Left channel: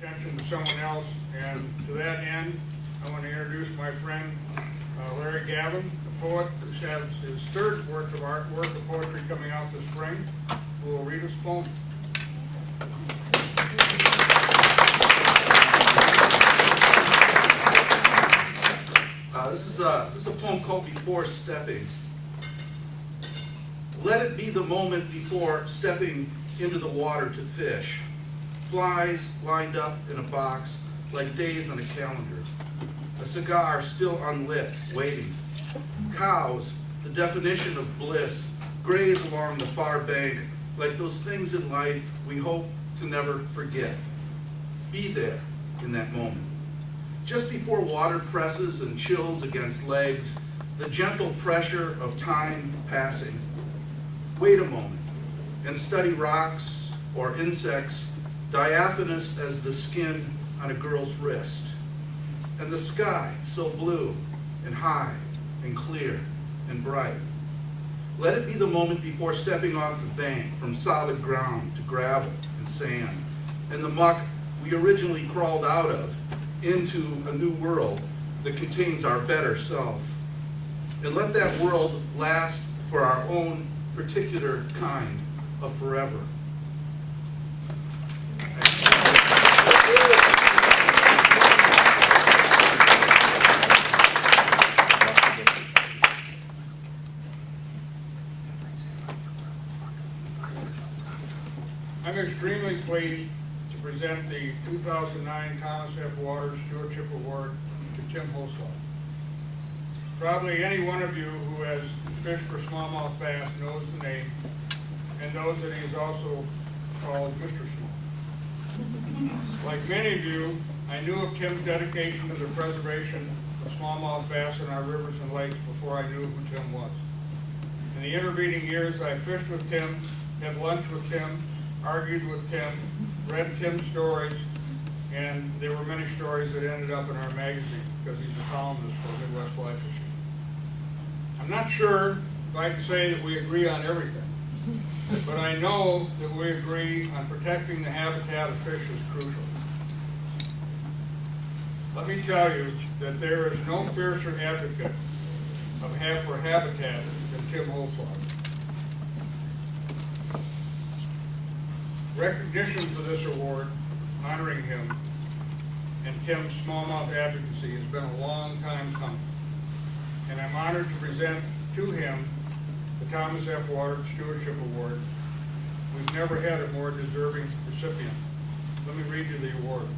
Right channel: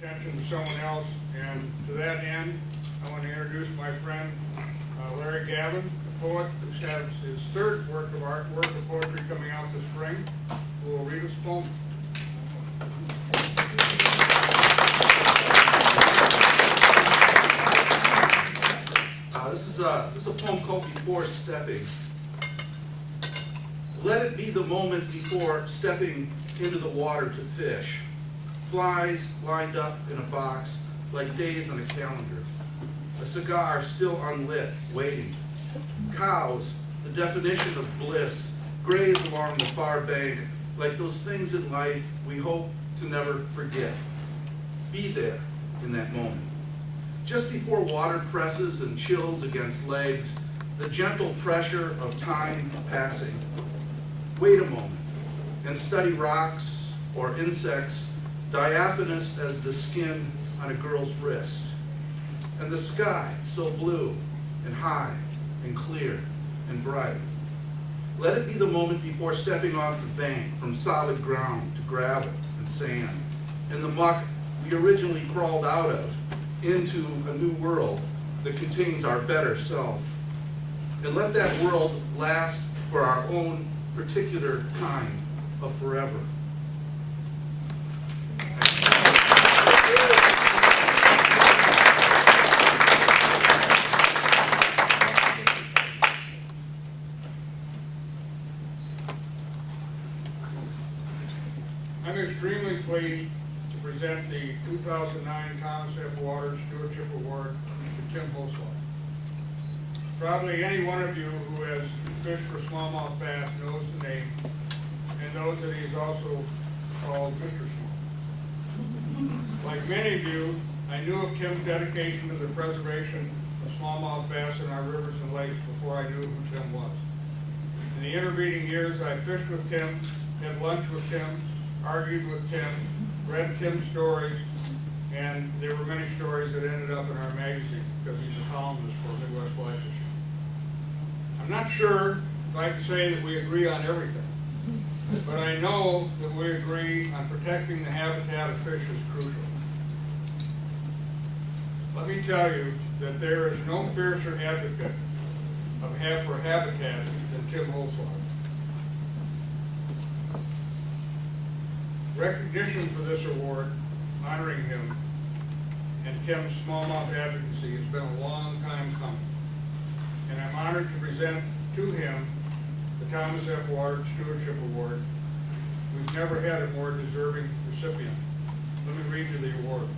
attention to someone else, and to that end, I want to introduce my friend Larry Gavin, the poet, who has his third work of poetry coming out this spring, who will read his poem. This is a poem called Before Stepping. Let it be the moment before stepping into the water to fish. Flies lined up in a box like days on a calendar. A cigar still unlit, waiting. Cows, the definition of bliss, graze along the far bank like those things in life we hope to never forget. Be there in that moment. Just before water presses and chills against legs, the gentle pressure of time passing. Wait a moment and study rocks or insects diaphanous as the skin on a girl's wrist. And the sky so blue and high and clear and bright. Let it be the moment before stepping off the bank from solid ground to gravel and sand and the muck we originally crawled out of into a new world that contains our better self. And let that world last for our own particular kind of forever. I'm extremely pleased to present the 2009 Thomas F. Waters Stewardship Award to Tim Holzlaw. Probably any one of you who has fished for smallmouth bass knows the name and knows that he is also called Mr. Small. Like many of you, I knew of Tim's dedication to the preservation of smallmouth bass in our rivers and lakes before I knew who Tim was. In the intervening years, I fished with Tim, had lunch with Tim, argued with Tim, read Tim's stories, and there were many stories that ended up in our magazine because he's a columnist for Midwest Fly Fishing. I'm not sure if I can say that we agree on everything, but I know that we agree on protecting the habitat of fish is crucial. Let me tell you that there is no fiercer advocate for habitat than Tim Holzlaw. Recognition for this award, honoring him, and Tim's smallmouth advocacy has been a long time coming. And I'm honored to present to him the Thomas F. Waters Stewardship Award. We've never had a more deserving recipient. Let me read you the award.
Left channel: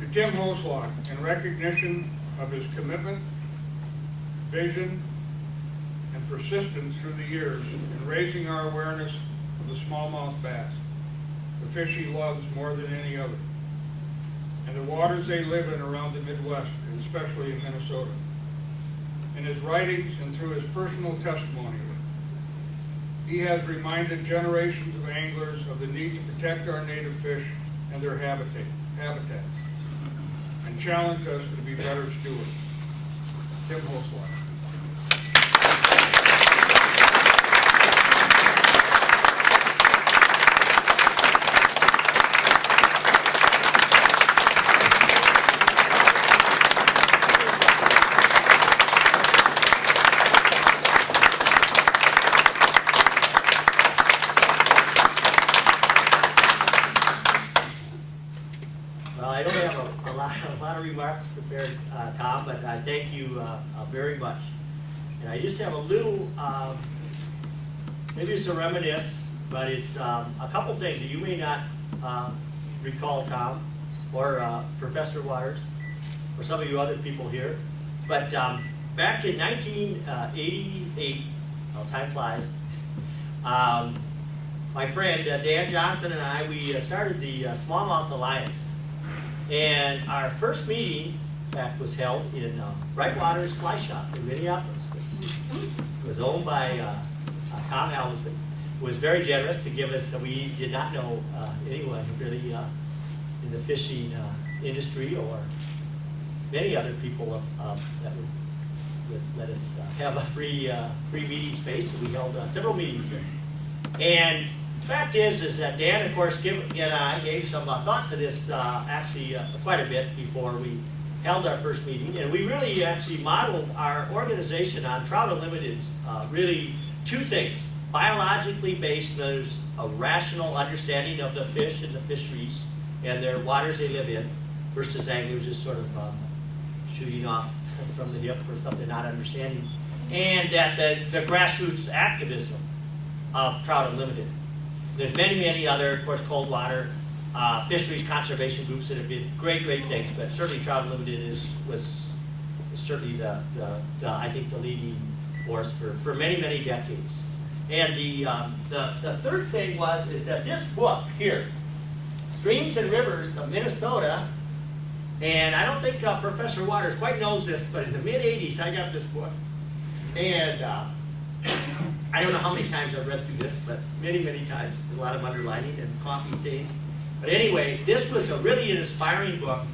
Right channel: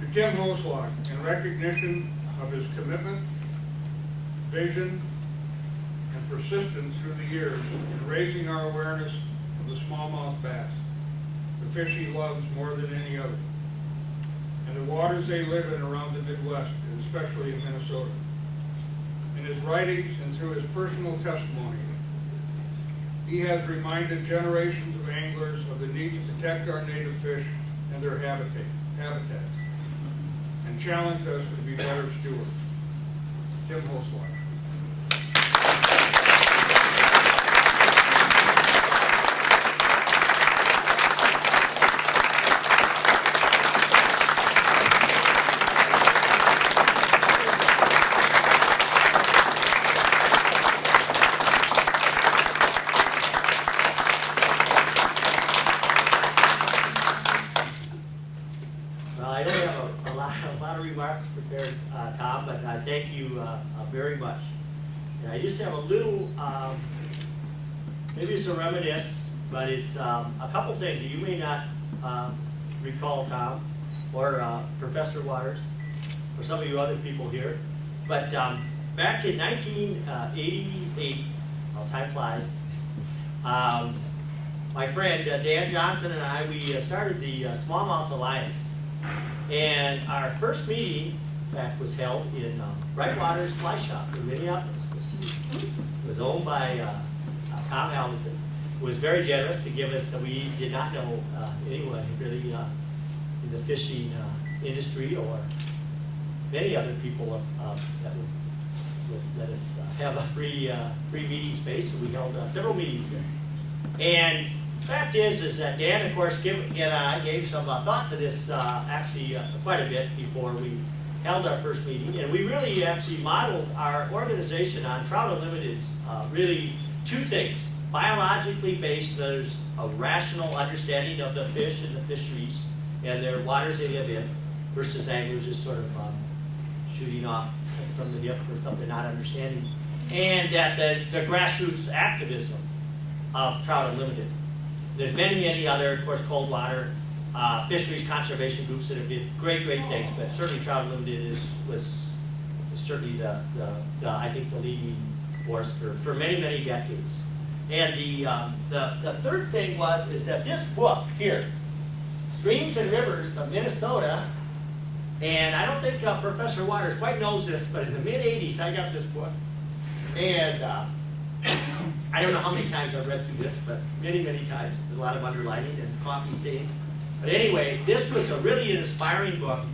To Tim Holzlaw, in recognition of his commitment, vision, and persistence through the years in raising our awareness of the smallmouth bass, the fish he loves more than any other, and the waters they live in around the Midwest, and especially in Minnesota. In his writings and through his personal testimony, he has reminded generations of anglers of the need to protect our native fish and their habitats, and challenged us to be better stewards. Tim Holzlaw. Well, I don't have a lot of remarks prepared, Tom, but I thank you very much. And I just have a little, maybe it's a reminisce, but it's a couple things that you may not recall, Tom, or Professor Waters, or some of you other people here. But back in 1988, well, time flies, my friend Dan Johnson and I, we started the Smallmouth Alliance. And our first meeting, in fact, was held in Brightwater's Fly Shop in Minneapolis. It was owned by Tom Helgeson, who was very generous to give us, we did not know anyone really in the fishing industry or many other people that would let us have a free meeting space, so we held several meetings there. And the fact is that Dan, of course, gave some thought to this actually quite a bit before we held our first meeting, and we really actually modeled our organization on Trout Unlimited's really two things. Biologically based, there's a rational understanding of the fish and the fisheries and their waters they live in, versus anglers just sort of shooting off from the hip or something, not understanding. And that the grassroots activism of Trout Unlimited. There's many other, of course, cold water fisheries conservation groups that have did great things, but certainly Trout Unlimited was certainly I think the leading force for many decades. And the third thing is that this book here, Streams and Rivers of Minnesota, and I don't think Professor Waters quite knows this, but in the mid-'80s I got this book, and I don't know how many times I've read through this, but many times. There's a lot of underlining and coffee stains. But anyway, this was a really inspiring book.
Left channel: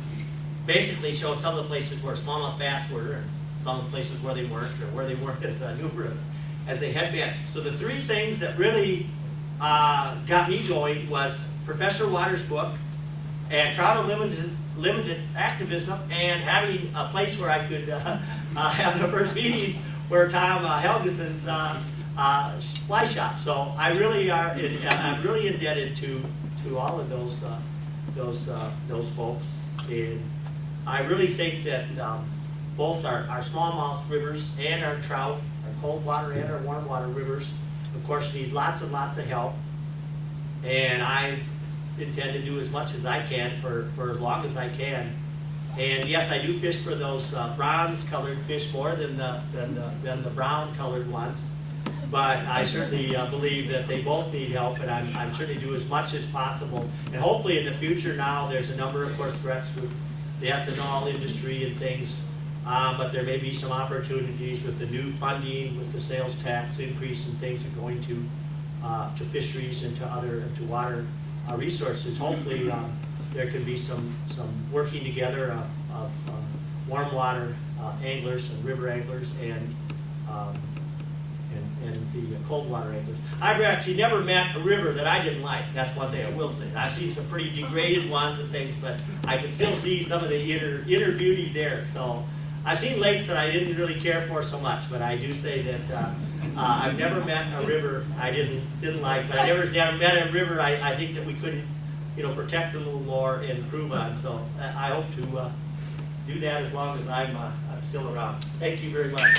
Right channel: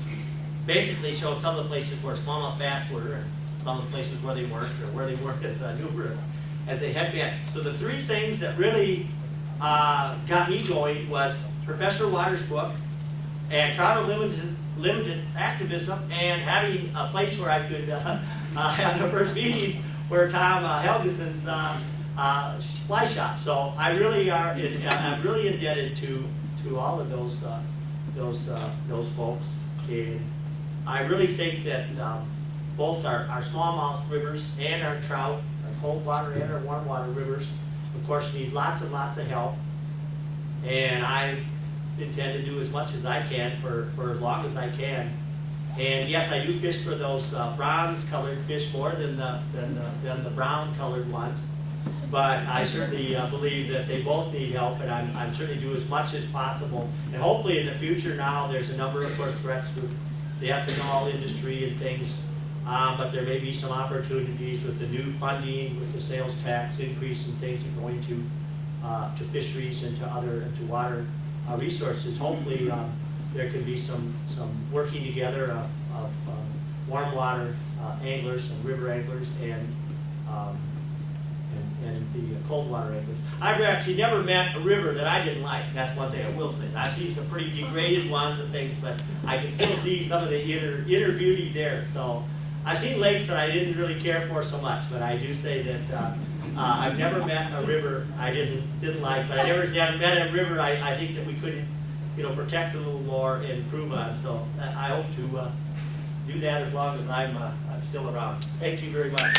Basically showed some of the places where smallmouth bass were, and some of the places where they weren't, or where they weren't as numerous as they had been. So the three things that really got me going was Professor Waters' book, and Trout Unlimited activism, and having a place where I could have the first meetings where Tom Helgeson's fly shop. So I'm really indebted to all of those folks, and I really think that both our smallmouth rivers and our trout, our cold water and our warm water rivers, of course, need lots and lots of help, and I intend to do as much as I can for as long as I can. And yes, I do fish for those bronze-colored fish more than the brown-colored ones. But I certainly believe that they both need help, and I'm certainly do as much as possible. And hopefully in the future now, there's a number of course threats with the ethanol industry and things, but there may be some opportunities with the new funding, with the sales tax increase and things that are going to fisheries and to water resources. Hopefully there can be some working together of warm water anglers and river anglers and the cold water anglers. I've actually never met a river that I didn't like. That's one thing I will say. I've seen some pretty degraded ones and things, but I can still see some of the inner beauty there. So I've seen lakes that I didn't really care for so much, but I do say that I've never met a river I didn't like, but I never met a river I think that we couldn't, protect a little more and improve on. So I hope to do that as long as I'm still around. Thank you very much.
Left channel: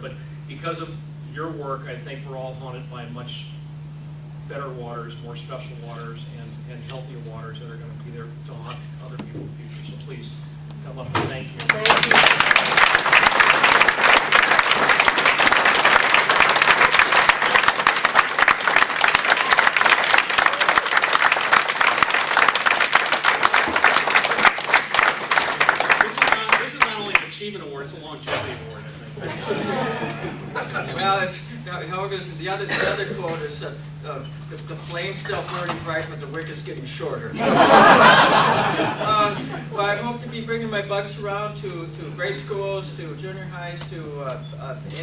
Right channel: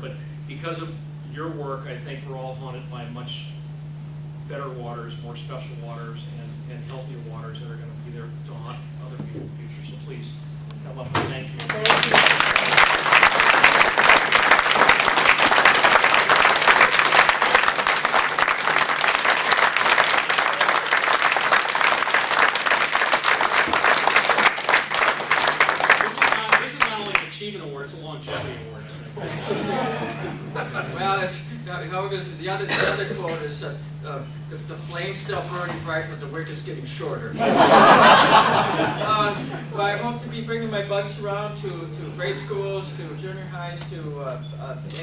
But because of your work, I think we're all haunted by much better waters, more special waters, and healthier waters that are going to be there to haunt other people in the future. So please come up and thank you. Thank you. This is not only an achievement award, it's a longevity award. Well, it's Helgeson. The other quote is the flame's still burning bright, but the wick is getting shorter. Well, I hope to be bringing my bugs around to grade schools, to junior highs, to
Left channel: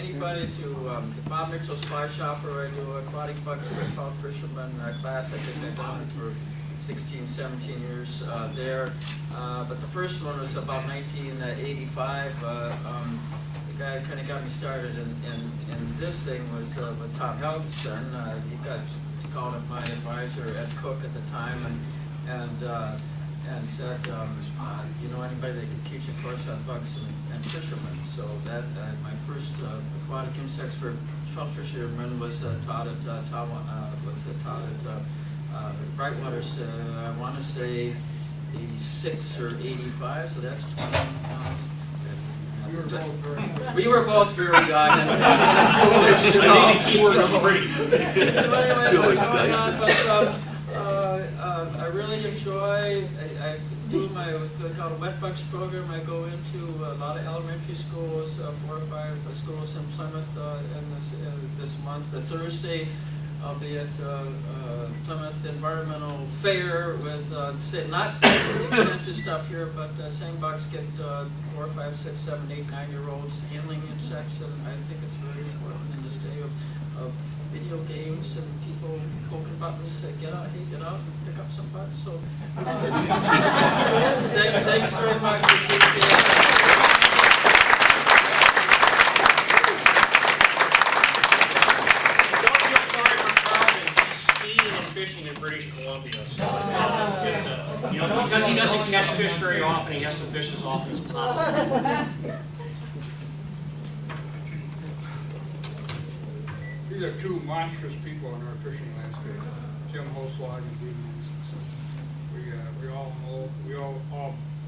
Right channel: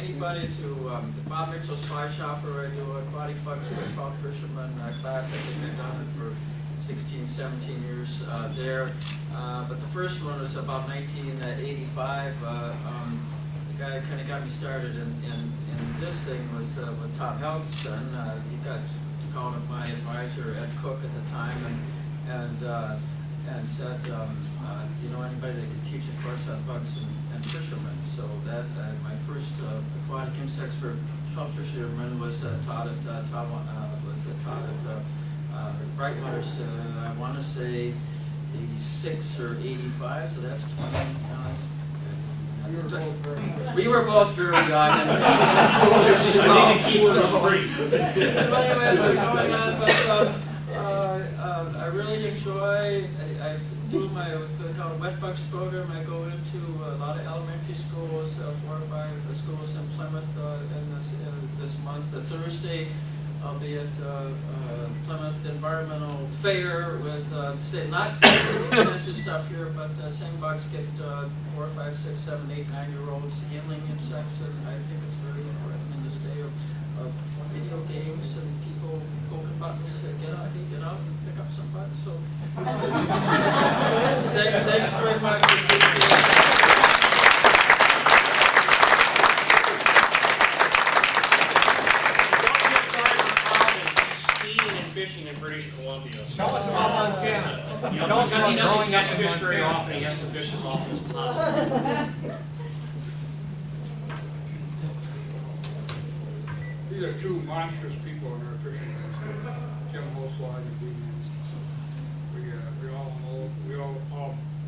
anybody, to the Bob Mitchell's Fly Shop, where I do aquatic bugs for a trout fisherman class. I think I've done it for 16, 17 years there. But the first one was about 1985. The guy kind of got me started, and this thing was with Tom Helgeson. He called him my advisor, Ed Cook, at the time, and said, anybody that could teach a course on bugs and fishermen. So that my first aquatic insects for trout fishermen was taught at Brightwater's. I want to say 86 or 85. So that's 20. We were both very young and foolish. I really enjoy. I do my called a wet bugs program. I go into a lot of elementary schools, 4 or 5 schools in Plymouth in this month. The Thursday albeit Plymouth Environmental Fair with, not extensive stuff here, but same bucks get 4, 5, 6, 7, 8, 9-year-olds handling insects, and I think it's very important in this day of video games and people poking buttons, say, get out and pick up some bugs. So thanks very much. Fishing in British Columbia, so because he doesn't catch fish very often, he has to fish as often as possible. These are two monstrous people in our fishing landscape, Jim Holslag and Dean Hanson. So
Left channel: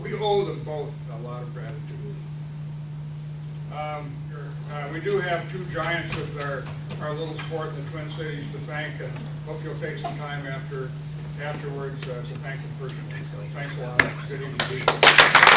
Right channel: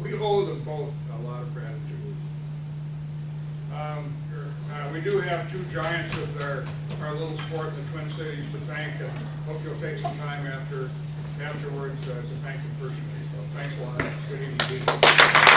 we owe them both a lot of gratitude. We do have two giants of our little sport in the Twin Cities to thank, and hope you'll take some time afterwards to thank them personally. So thanks a lot. Good evening.